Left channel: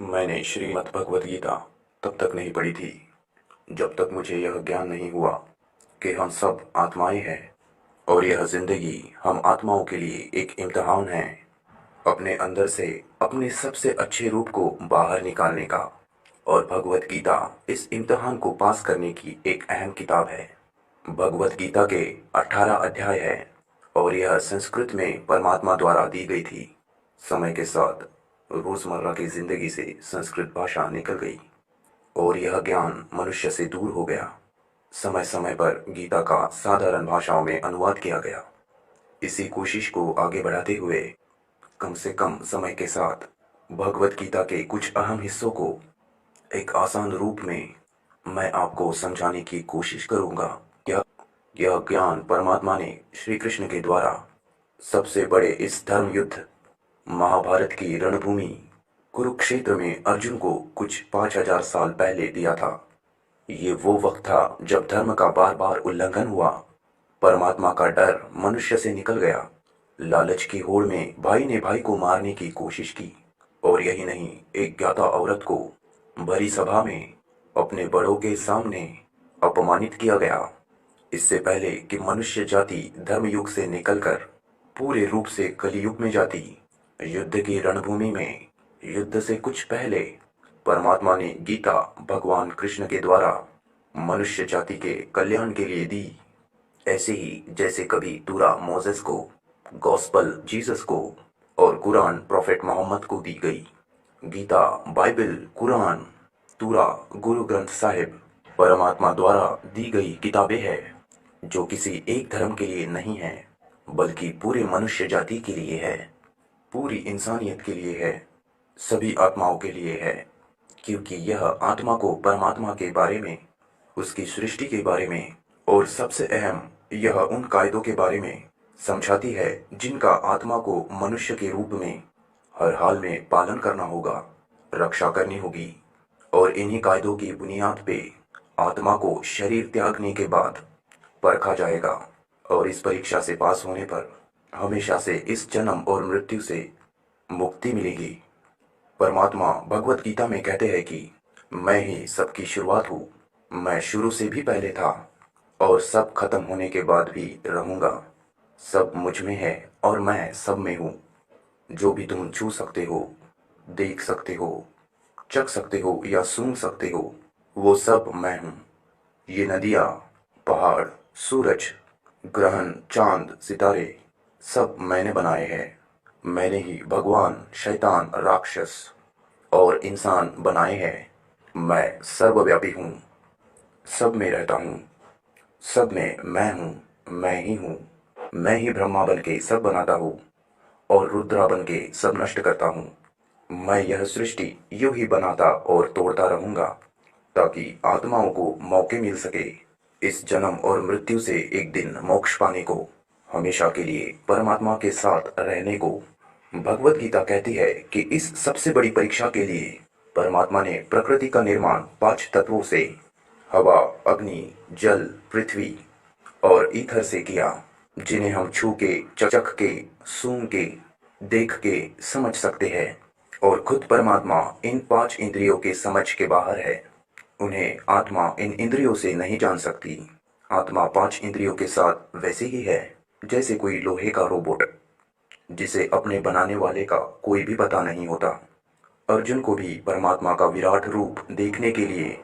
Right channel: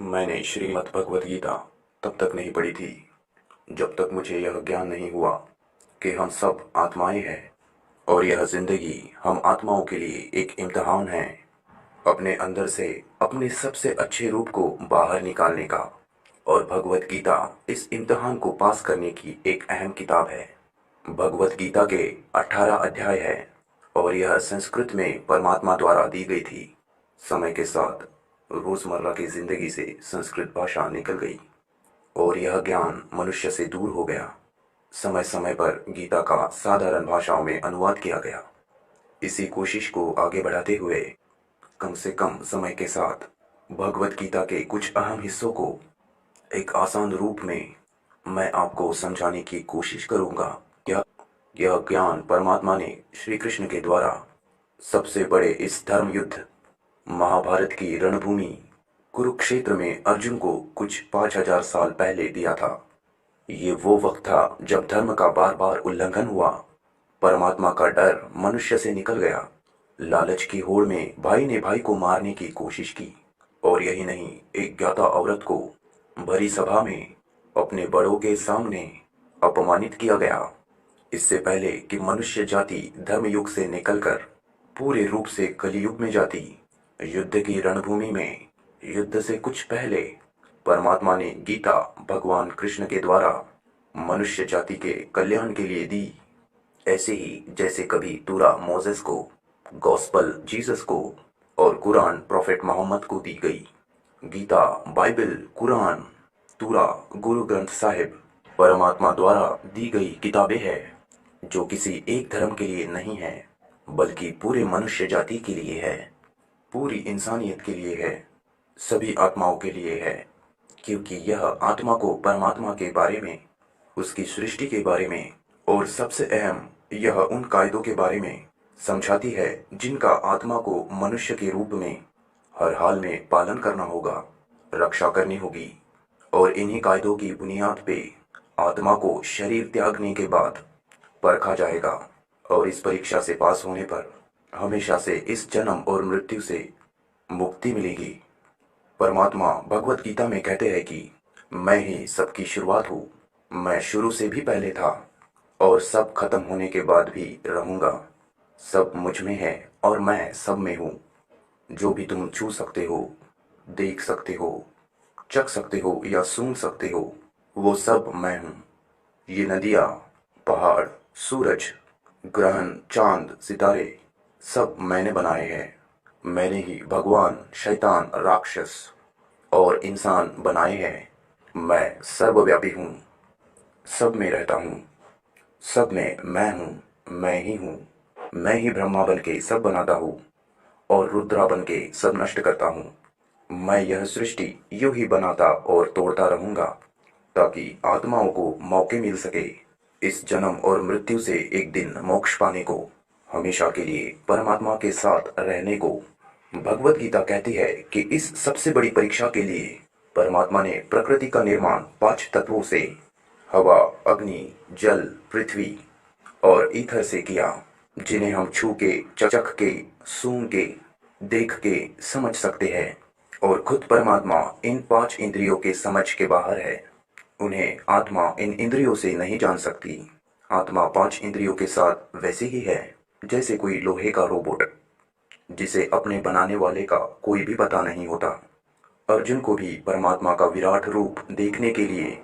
मैंने श्रीमद् भगवत गीता तब तक नहीं पढ़ी थी जब तक मुझे यह ज्ञान नहीं हुआ कि हम सब आत्माएं हैं और यह जिंदगी हम आत्माओं के लिए एक इम्तिहान है अपने अंदर से अपने सबसे अच्छे रूप को बाहर निकालने का। और भगवत गीता इस इम्तिहान को पास करने की एक अहम किताब है। भगवत गीता के 18 अध्याय है और यह संस्कृत में परमात्मा द्वारा दी गई थी। समय के साथ रोजमर्रा की जिंदगी से संस्कृत भाषा निकल गई और यह ज्ञान मनुष्य से दूर हो गया। समय समय पर गीता का साधारण भाषाओं में अनुवाद किया गया। इसी कोशिश को आगे बढ़ाते हुए कम से कम समय के साथ भगवत गीता के कुछ अहम हिस्सों को एक आसान रूप में मैं आपको समझाने की कोशिश करूंगा। यह यह ज्ञान परमात्मा ने श्री कृष्ण के द्वारा सबसे बड़े इस धर्म युद्ध महाभारत की रणभूमि कुरुक्षेत्र में अर्जुन को कुछ 5000 साल पहले दिया था। ये वो वक्त था जब धर्म का बार बार उल्लंघन हुआ, परमात्मा का डर मनुष्य से निकल गया, लालच की होड़ में भाई ने भाई को मारने की कोशिश की और यही नहीं, एक ज्ञाता औरत को भरी सभा में अपने बड़ों के सामने अपमानित किया गया। इससे पहले कि मनुष्य जाति धर्मयुग से निकलकर पूरे रूप से कलियुग में जाती, युद्ध की रणभूमि में युद्ध से कुछ पहले परमात्मा ने गीता भगवान कृष्ण के द्वारा मनुष्य जाति के कल्याण के लिए दी। ऐसे ही जैसे कभी तूरा मोसेस को, गॉस्पल जीसस को और कुरान प्रॉफेट मोहम्मद को दी गई। गीता, बाइबल, कुरान, तूरा, गुरु ग्रंथ साहिब परमात्मा द्वारा दी गई किताबें हैं जो किसी एक धर्म के लिए नहीं है बल्कि पूरे मनुष्य जाति के लिए है, पूरी इंसानियत के लिए है, सभी आत्माओं के लिए है। क्योंकि यह आत्मा को परमात्मा के बारे में, उसकी सृष्टि के बारे में और सबसे अहम यह उन कायदों के बारे में समझाती है जिनका आत्मा को मनुष्य के रूप में हर हाल में पालन करना होगा, रक्षा करनी होगी। और इन्हीं कायदों की बुनियाद पे आत्मा को शरीर त्यागने के बाद परखा जाएगा और इस परीक्षा से पास होने पर हमेशा से इस जन्म और मृत्यु से मुक्ति मिलेगी। परमात्मा भगवत गीता में कहते हैं कि मैं ही सबकी शुरुआत हूँ, मैं शुरू से भी पहले था और सब खत्म होने के बाद भी रहूँगा। सब मुझ में है और मैं सब में हूँ। जो भी तुम छू सकते हो, देख सकते हो, चख सकते हो या सूंघ सकते हो, वो सब मैं हूँ। ये नदियाँ, पहाड़, सूरज, ग्रहण, चांद, सितारे सब मैंने बनाए हैं। मैंने ही भगवान, शैतान, राक्षस और इंसान बनाए हैं। मैं सर्वव्यापी हूँ, सब में रहता हूँ, सब में मैं हूँ, मैं ही हूँ। मैं ही ब्रह्मा बन के सब बनाता हूँ और रुद्रा बन के सब नष्ट करता हूँ। मैं यह सृष्टि यूं ही बनाता और तोड़ता रहूंगा ताकि आत्माओं को मौके मिल सके इस जन्म और मृत्यु से एक दिन मोक्ष पाने को, हमेशा के लिए परमात्मा के साथ रहने को। भगवत गीता कहती है कि इस सबसे बड़ी परीक्षा के लिए परमात्मा ने प्रकृति का निर्माण 5 तत्वों से, हवा, अग्नि, जल, पृथ्वी और ईथर से किया, जिन्हें हम छू के, चख के, सूंघ के, देख के समझ सकते हैं। और खुद परमात्मा इन 5 इंद्रियों के समझ के बाहर है। उन्हें आत्मा इन इंद्रियों से नहीं जान सकती। आत्मा 5 इंद्रियों के साथ वैसे ही है जैसे कोई लोहे का रोबोट जिसे अपने बनाने वाले का कोई भी पता नहीं होता। अर्जुन को भी परमात्मा का विराट रूप देखने के लिए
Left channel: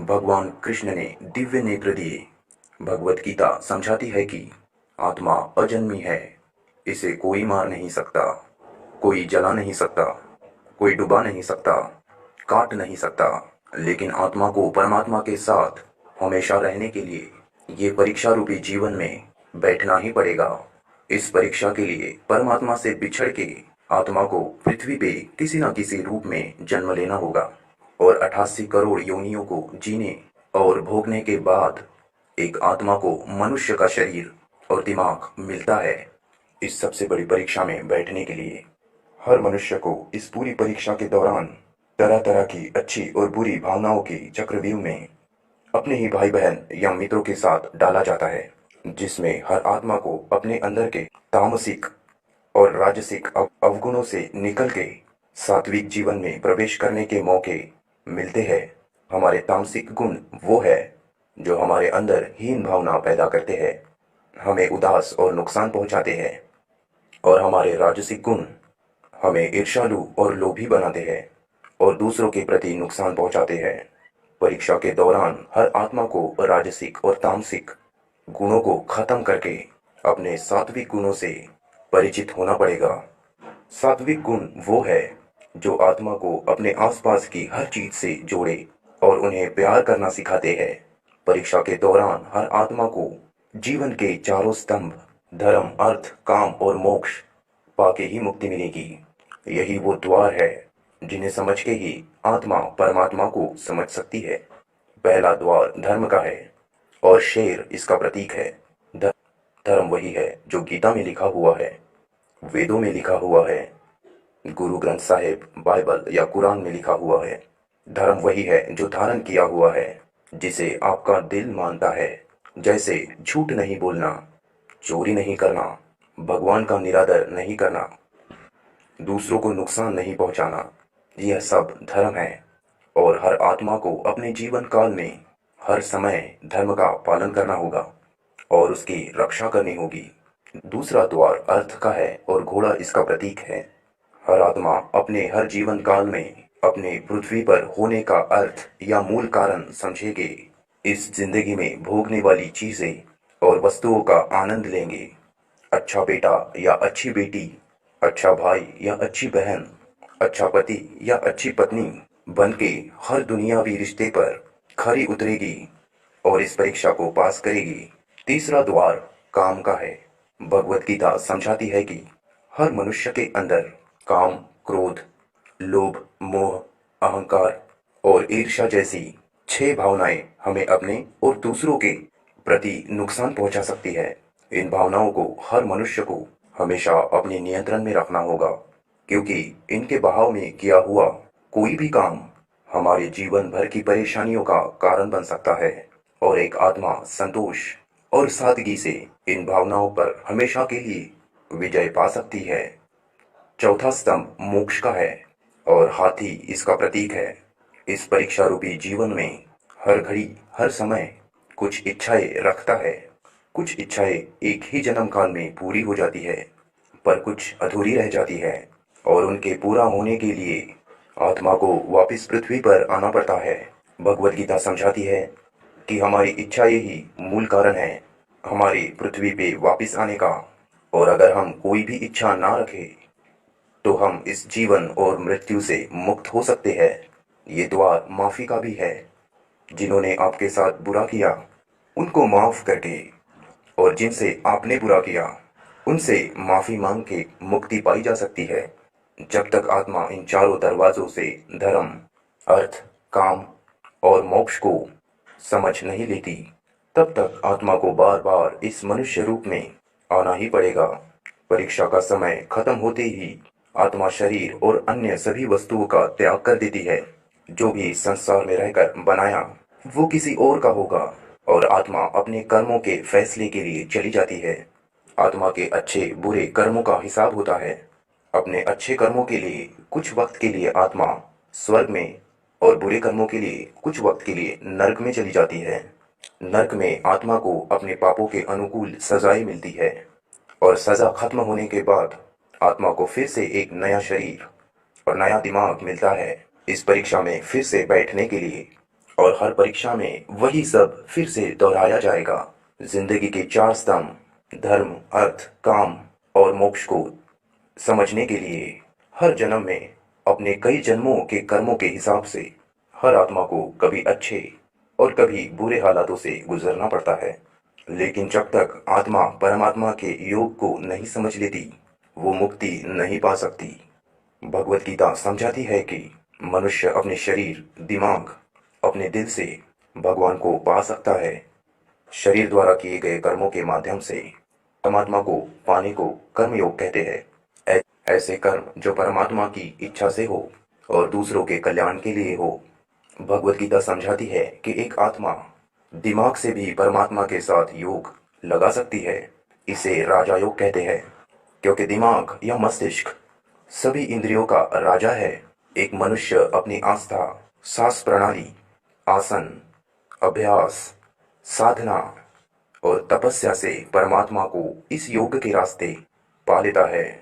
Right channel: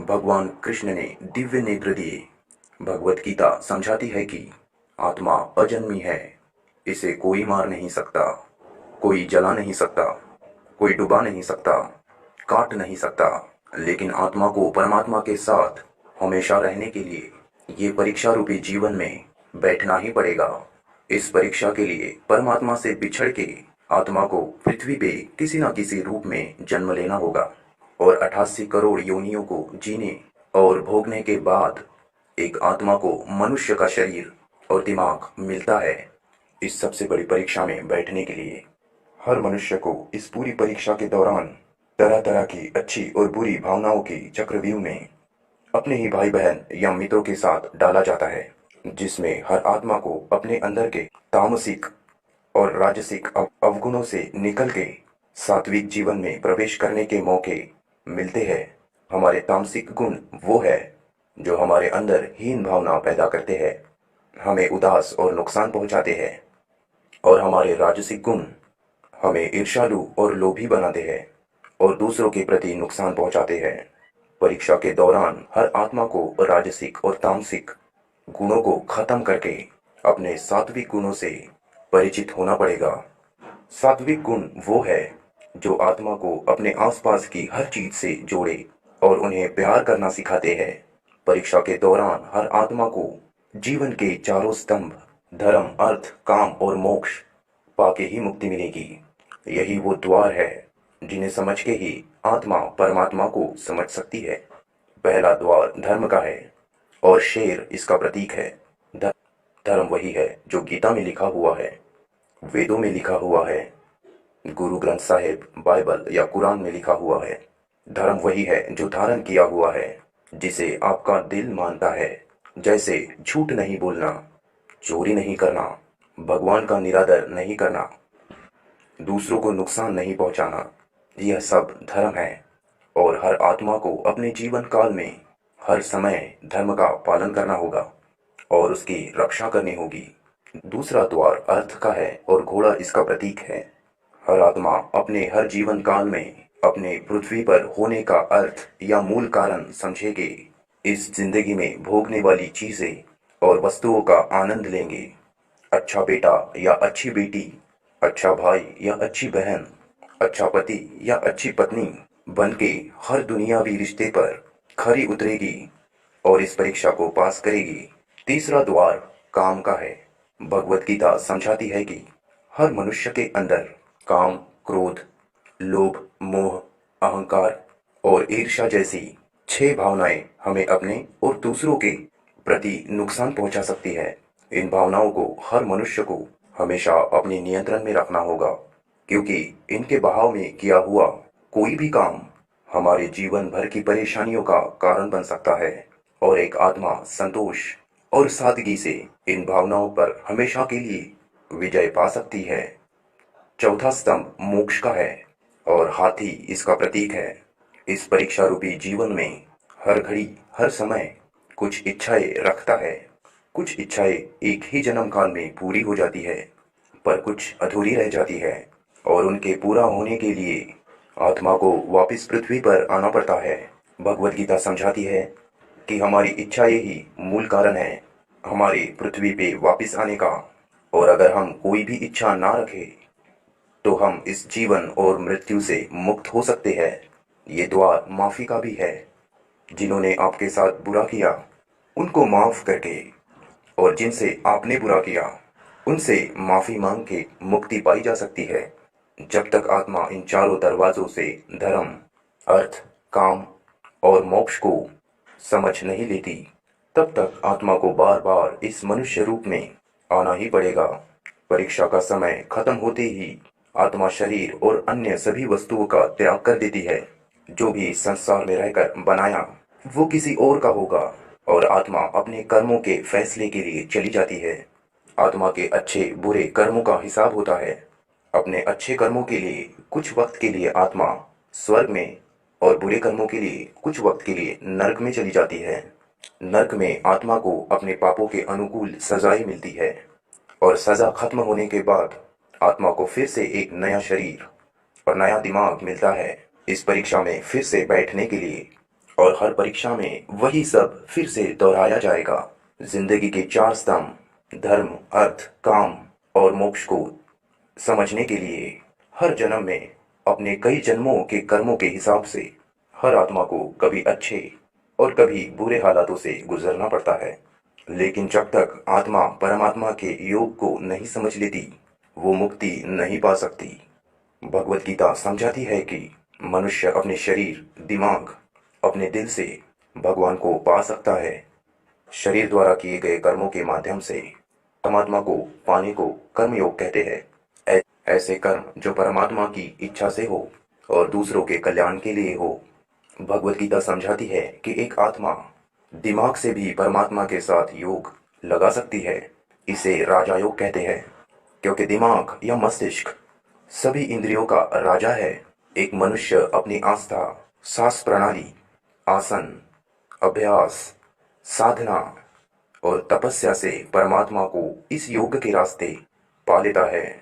भगवान कृष्ण ने दिव्य नेत्र दिए। भगवत गीता समझाती है कि आत्मा अजन्मी है, इसे कोई मार नहीं सकता, कोई जला नहीं सकता, कोई डुबा नहीं सकता, काट नहीं सकता। लेकिन आत्मा को परमात्मा के साथ हमेशा रहने के लिए ये परीक्षा रूपी जीवन में बैठना ही पड़ेगा। इस परीक्षा के लिए परमात्मा से बिछड़ के आत्मा को पृथ्वी पे किसी न किसी रूप में जन्म लेना होगा और 88 करोड़ योनियों को जीने और भोगने के बाद एक आत्मा को मनुष्य का शरीर और दिमाग मिलता है। इस सबसे बड़ी परीक्षा में बैठने के लिए हर मनुष्य को इस पूरी परीक्षा के दौरान तरह तरह की अच्छी और बुरी भावनाओं की चक्रव्यूह में अपने ही भाई बहन या मित्रों के साथ डाला जाता है, जिसमें हर आत्मा को अपने अंदर के तामसिक और राजसिक अवगुणों से निकल के सात्विक जीवन में प्रवेश करने के मौके मिलते हैं। हमारे तामसिक गुण वो है जो हमारे अंदर हीन भावना पैदा करते हैं, हमें उदास और नुकसान पहुंचाते हैं। और हमारे राजसिक गुण हमें ईर्ष्यालु और लोभी बनाते हैं और दूसरों के प्रति नुकसान पहुंचाते हैं। परीक्षा के दौरान हर आत्मा को राजसिक और तामसिक गुणों को खत्म करके अपने सात्विक गुणों से परिचित होना पड़ेगा। सात्विक गुण वो है जो आत्मा को अपने आसपास की हर चीज से जोड़े और उन्हें प्यार करना सिखाते हैं। परीक्षा के दौरान हर आत्मा को जीवन के चारों स्तंभ धर्म, अर्थ, काम और मोक्ष पाके ही मुक्ति मिलेगी। यही वो द्वार है जिन्हें समझ के ही आत्मा परमात्मा को समझ सकती है। पहला द्वार धर्म का है और शेर इसका प्रतीक है। धर्म वही है जो गीता में लिखा हुआ है, वेदों में लिखा हुआ है, गुरु ग्रंथ साहिब, बाइबल या कुरान में लिखा हुआ है। धर्म वही है जो धारण किया हुआ है, जिसे आपका दिल मानता है, जैसे झूठ नहीं बोलना, चोरी नहीं करना, भगवान का निरादर नहीं करना, दूसरों को नुकसान नहीं पहुंचाना। यह सब धर्म है और हर आत्मा को अपने जीवन काल में हर समय धर्म का पालन करना होगा और उसकी रक्षा करनी होगी। दूसरा द्वार अर्थ का है और घोड़ा इसका प्रतीक है। हर आत्मा अपने हर जीवन काल में अपने पृथ्वी पर होने का अर्थ या मूल कारण समझेंगे। इस जिंदगी में भोगने वाली चीजें और वस्तुओं का आनंद लेंगे। अच्छा बेटा या अच्छी बेटी, अच्छा भाई या अच्छी बहन, अच्छा पति या अच्छी पत्नी बनके हर दुनियावी रिश्ते पर खरी उतरेगी और इस परीक्षा को पास करेगी। तीसरा द्वार काम का है। भगवत गीता समझाती है कि हर मनुष्य के अंदर काम, क्रोध, लोभ, मोह, अहंकार और ईर्ष्या जैसी 6 भावनाएं हमें अपने और दूसरों के प्रति नुकसान पहुंचा सकती है। इन भावनाओं को हर मनुष्य को हमेशा अपने नियंत्रण में रखना होगा, क्योंकि इनके बहाव में किया हुआ कोई भी काम हमारे जीवन भर की परेशानियों का कारण बन सकता है और एक आत्मा संतोष और सादगी से इन भावनाओं पर हमेशा के लिए विजय पा सकती है। चौथा स्तंभ मोक्ष का है और हाथी इसका प्रतीक है। इस परीक्षा रूपी जीवन में हर घड़ी, हर समय कुछ इच्छाएं रखता है। कुछ इच्छाएं एक ही जन्म काल में पूरी हो जाती है, पर कुछ अधूरी रह जाती है और उनके पूरा होने के लिए आत्मा को वापस पृथ्वी पर आना पड़ता है। भगवत गीता समझाती है कि हमारी इच्छाएं ही मूल कारण है हमारी पृथ्वी पे वापस आने का, और अगर हम कोई भी इच्छा ना रखें तो हम इस जीवन और मृत्यु से मुक्त हो सकते हैं। ये द्वार माफी का भी है। जिन्होंने आपके साथ बुरा किया उनको माफ करके और जिनसे आपने बुरा किया उनसे माफी मांग के मुक्ति पाई जा सकती है। जब तक आत्मा इन चारों दरवाजों से धर्म, अर्थ, काम और मोक्ष को समझ नहीं लेती, तब तक आत्मा को बार बार इस मनुष्य रूप में आना ही पड़ेगा। परीक्षा का समय खत्म होते ही आत्मा शरीर और अन्य सभी वस्तुओं का त्याग कर देती है। जो भी संसार में रहकर बनाया वो किसी और का होगा और आत्मा अपने कर्मों के फैसले के लिए चली जाती है। आत्मा के अच्छे बुरे कर्मों का हिसाब होता है। अपने अच्छे कर्मों के लिए कुछ वक्त के लिए आत्मा स्वर्ग में और बुरे कर्मों के लिए कुछ वक्त के लिए नर्क में चली जाती है। नर्क में आत्मा को अपने पापों के अनुकूल सजाएं मिलती है और सजा खत्म होने के बाद आत्मा को फिर से एक नया शरीर और नया दिमाग मिलता है इस परीक्षा में फिर से बैठने के लिए, और हर परीक्षा में वही सब फिर से दोहराया जाएगा। जिंदगी के 4 स्तंभ धर्म, अर्थ, काम और मोक्ष को समझने के लिए हर जन्म में अपने कई जन्मों के कर्मों के हिसाब से हर आत्मा को कभी अच्छे और कभी बुरे हालातों से गुजरना पड़ता है। लेकिन जब तक आत्मा परमात्मा के योग को नहीं समझ लेती वो मुक्ति नहीं पा सकती। भगवत गीता समझाती है कि मनुष्य अपने शरीर, दिमाग, अपने दिल से भगवान को पा सकता है। शरीर द्वारा किए गए कर्मों के माध्यम से परमात्मा को पाने को कर्मयोग कहते हैं। ऐसे कर्म जो परमात्मा की इच्छा से हो और दूसरों के कल्याण के लिए हो। भगवत गीता समझाती है कि एक आत्मा दिमाग से भी परमात्मा के साथ योग लगा सकती है। इसे राजा योग कहते हैं, क्योंकि दिमाग या मस्तिष्क सभी इंद्रियों का राजा है। एक मनुष्य अपनी आस्था, सांस प्रणाली, आसन, अभ्यास, साधना और तपस्या से परमात्मा को इस योग के रास्ते पा लेता है।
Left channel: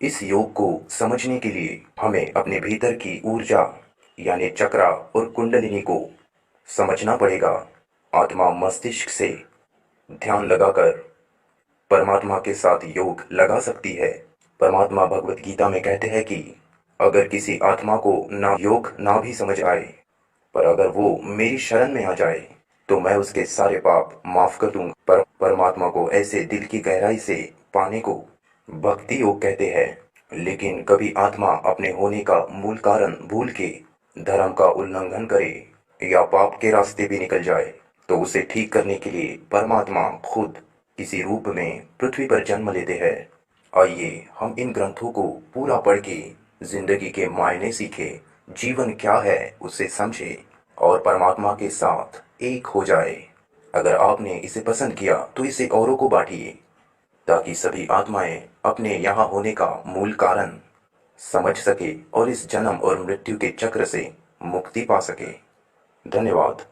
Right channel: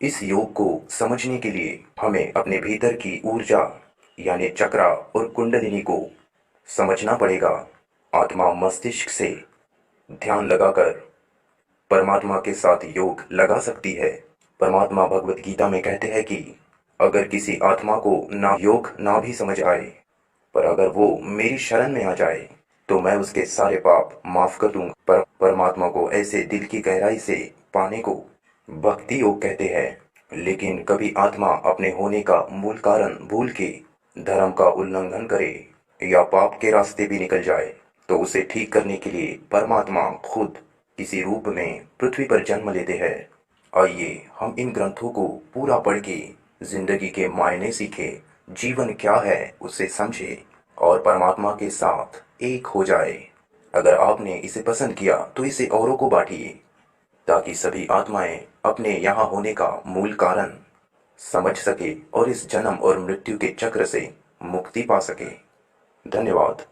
इस योग को समझने के लिए हमें अपने भीतर की ऊर्जा यानी चक्रा और कुंडलिनी को समझना पड़ेगा। आत्मा मस्तिष्क से ध्यान लगाकर परमात्मा के साथ योग लगा सकती है। परमात्मा भगवत गीता में कहते हैं कि अगर किसी आत्मा को ना योग ना भी समझ आए, पर अगर वो मेरी शरण में आ जाए तो मैं उसके सारे पाप माफ कर दूंगा। परमात्मा को ऐसे दिल की गहराई से पाने को भक्ति योग कहते हैं। लेकिन कभी आत्मा अपने होने का मूल कारण भूल के धर्म का उल्लंघन करे या पाप के रास्ते भी निकल जाए तो उसे ठीक करने के लिए परमात्मा खुद किसी रूप में पृथ्वी पर जन्म लेते हैं। आइए हम इन ग्रंथों को पूरा पढ़ के जिंदगी के मायने सीखे, जीवन क्या है उसे समझे और परमात्मा के साथ एक हो जाए। अगर आपने इसे पसंद किया तो इसे औरों को बांटिए ताकि सभी आत्माएं अपने यहाँ होने का मूल कारण समझ सके और इस जन्म और मृत्यु के चक्र से मुक्ति पा सके। धन्यवाद।